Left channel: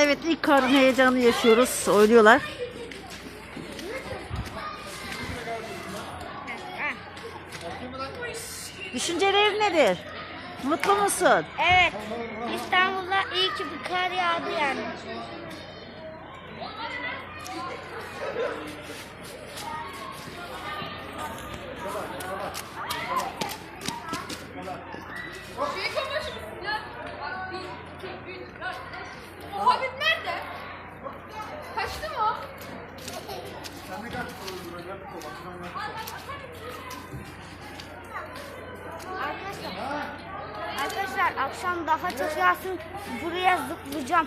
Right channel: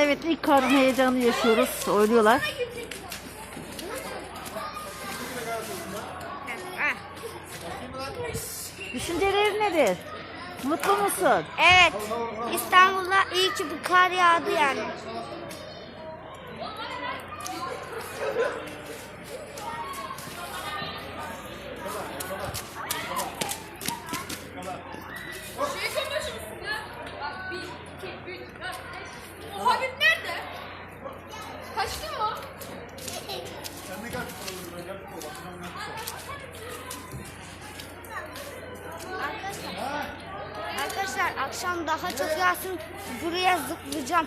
Evet ilk karın heyecanı yaşıyoruz. Oynuyorlar. Düşüncelerin nedir? Mutlu musun? Evet. İstanbul'da iyi ki bir kar yağdı yani. Arkadaşlar akşam daha çok yağsın. Buraya zıplayacağım.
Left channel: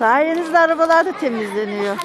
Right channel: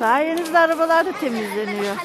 Sayenizde arabalar da temizleniyor.